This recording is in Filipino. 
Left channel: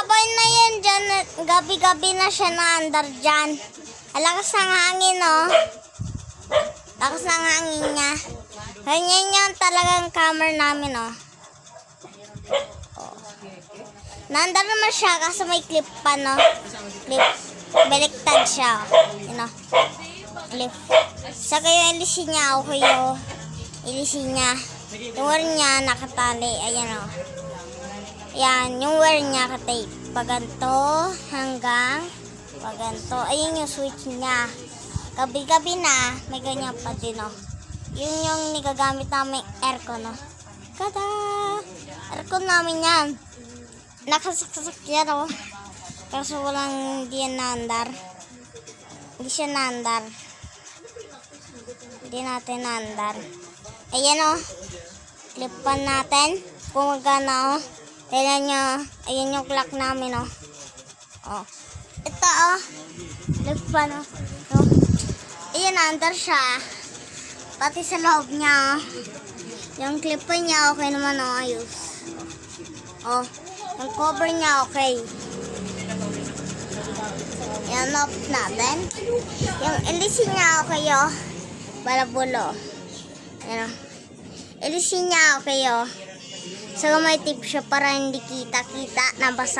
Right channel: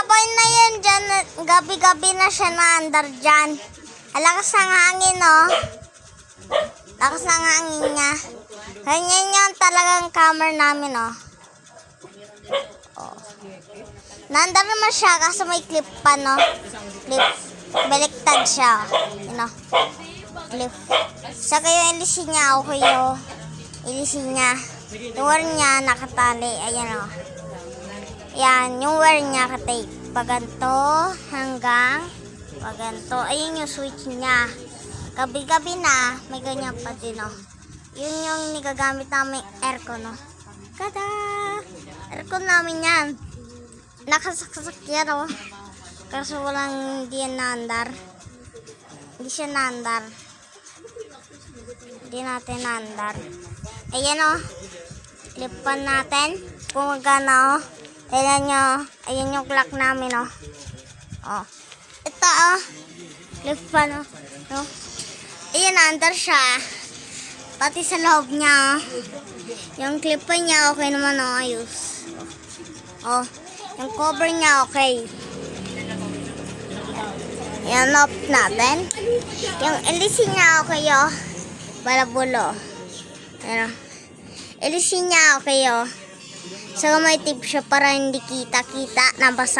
babay na yan dyan. Gabi-gabi na siya naandar dyan. Alakas ng hangin, oh. Lakas ng hangin niya. Ganyan yan talagang camera namin, oh. Naandar naman siya kasi may clip pa, no? Clip. Baliktad siya, oh. Yun, oh. Clip. Saka yung ilisin niya, okay, oh. Ilisin niya. Yung wear niya nakatali. Ayan, oh. Yan, yung wear niya katape. Paganto hanggang paganto. Ayun yung switch niya. Gabi-gabi na, may ganyan pa din, oh. Yun yung nigagamit namin aircon, oh. Kada! Aircon namin yan. Nakasaksak yan, oh. Kaso walang hindi yan naandar. Hindi siya naandar. Hindi natin naandar. Ayan, oh. Clipan natin. Kung magana, oh. Ayan nyo. Ayan yung clock namin, oh. Oh. Ito, oh. Clipan, oh. Oh. Ayan, naandar siya. Pati sa loob niya, oh. Yung clipan niya, okay naman, oh. Ayos. Oh. Yung cover niya, okay. Ayan, off natin. Yung ilisin niya, okay, oh. Balabulo. Ayan, oh. Ilisin niya, okay, oh. So, may tip siya para hindi kita-kita na basa.